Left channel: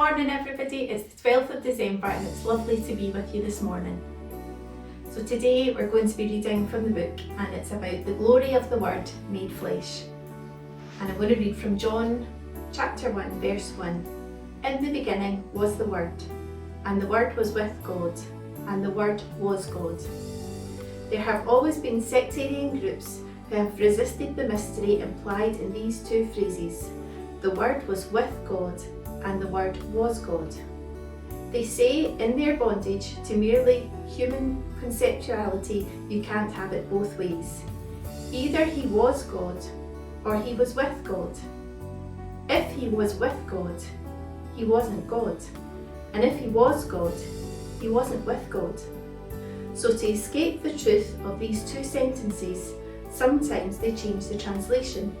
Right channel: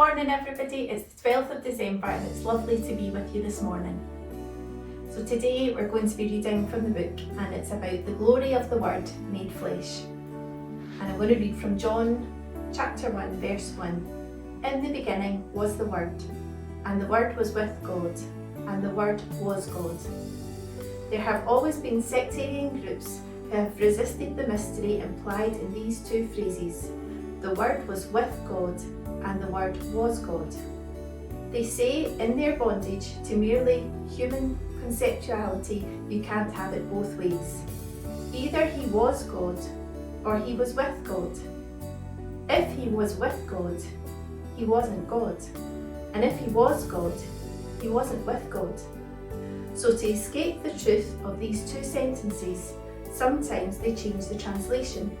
morning everybody, it's the 12th of December and it's lovely to be with you this morning. So today we're going to be reading from the book and it's about the glory of the Word made flesh. And I'm going to read from John chapter 1 verse 1. In the beginning was the Word, and the Word was with God, and the Word was God. There have always been sectarian groups who have resisted the mystery implied in these two phrases. The Word was with God, and the Word was God. They say in their bondage to merely human conceptuality, you can't have it both ways. Either he was God, or he was with God. If he was with God, he wasn't God. And if he was God, he wasn't with God. So to escape the truth of these two sentences, sometimes they change the translation.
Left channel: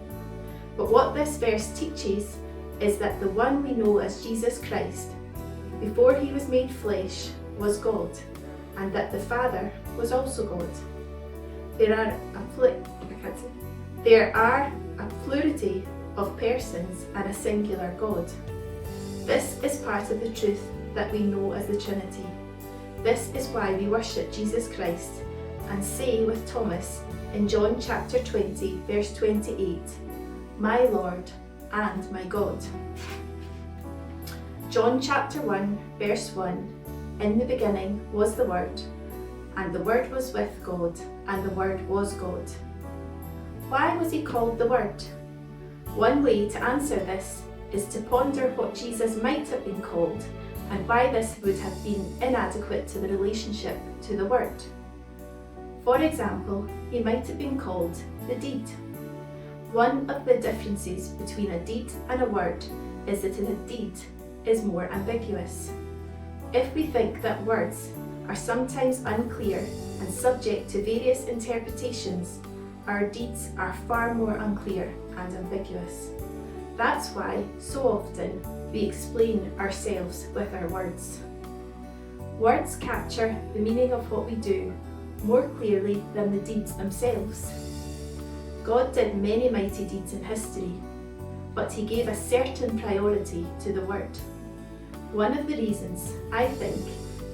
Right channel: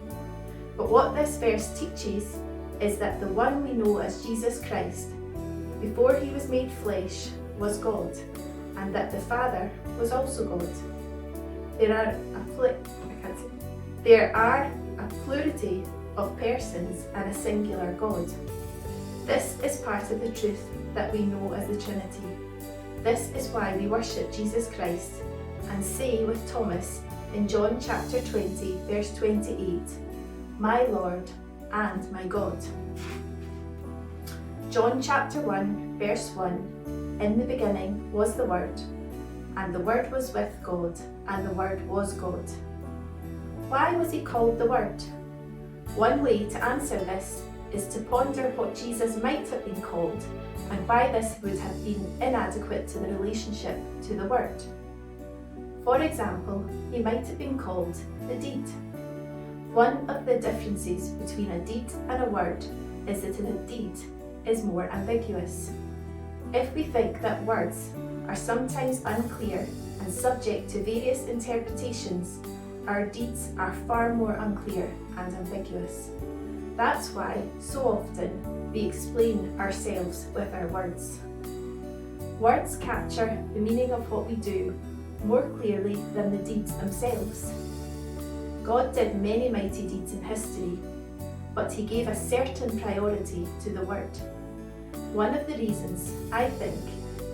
But what this verse teaches is that the one we know as Jesus Christ, before he was made flesh, was God, and that the Father was also God. There are a plurality of persons and a singular God. This is part of the truth that we know as the Trinity. This is why we worship Jesus Christ and say with Thomas in John chapter 20 verse 28, "My Lord and my God." John chapter 1 verse 1, "In the beginning was the Word, and the Word was with God, and the Word was God." Why was he called the Word? One way to answer this is to ponder what Jesus might have been called and why this would have been inadequate to the relationship to the Word. For example, he might have been called the Deed. One of the differences between a deed and a word is that a deed is more ambiguous. If we think that words are sometimes unclear and subject to various interpretations, our deeds are far more unclear and ambiguous. That's why so often we explain ourselves with our words. Words capture the meaning of what we do more clearly than the deeds themselves. God did many mighty deeds in history, but he gave a certain priority to the Word. One of the reasons, I think,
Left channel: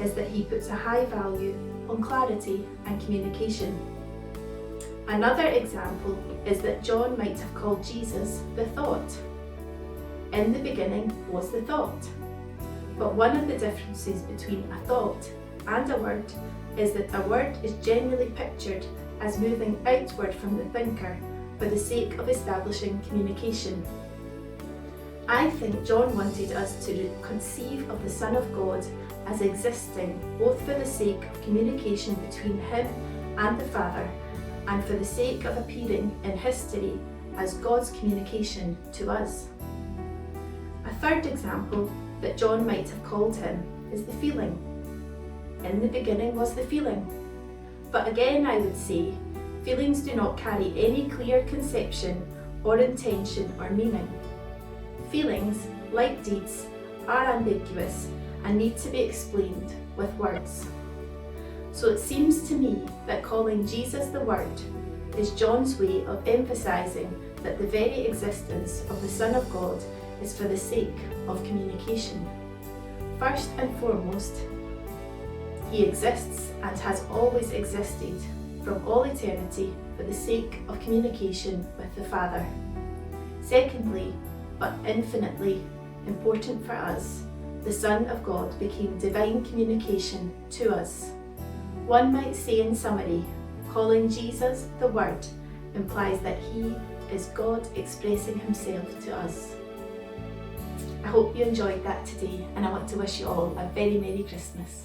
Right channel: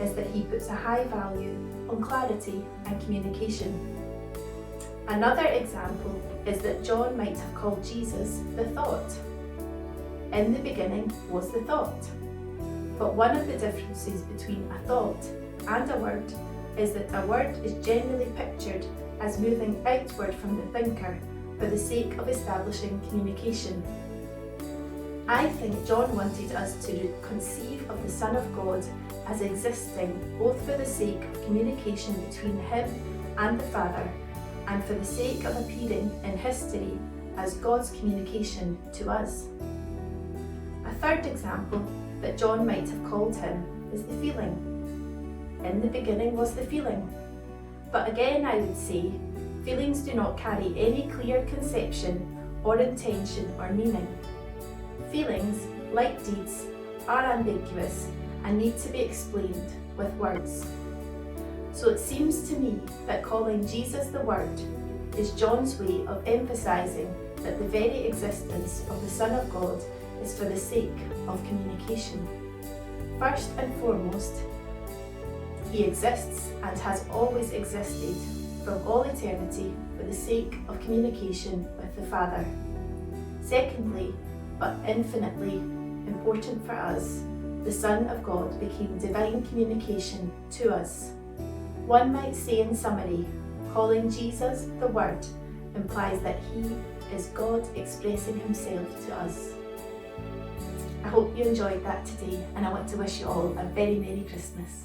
is that he puts a high value on clarity and communication. Another example is that John might have called Jesus the Thought. In the beginning was the thought. But one of the differences between a thought and a word is that a word is generally pictured as moving outward from the thinker for the sake of establishing communication. I think John wanted us to conceive of the Son of God as existing both for the sake of communication between him and the Father and for the sake of appearing in history as God's communication to us. A third example that John might have called him is the feeling. In the beginning was the feeling. But again, I would say, feelings do not carry any clear conception or intention or meaning. Feelings, like deeds, are ambiguous and need to be explained with words. So it seems to me that calling Jesus the Word is John's way of emphasizing that the very existence of the Son of God is for the sake of communication. First and foremost, he exists and has always existed from all eternity for the sake of communication with the Father. Secondly, but infinitely important for us, the Son of God became divine communication to us. One might say in summary, calling Jesus the Word implies that he is God expressing himself to us. I hope you enjoyed that today and I want to wish you all a very Merry Christmas.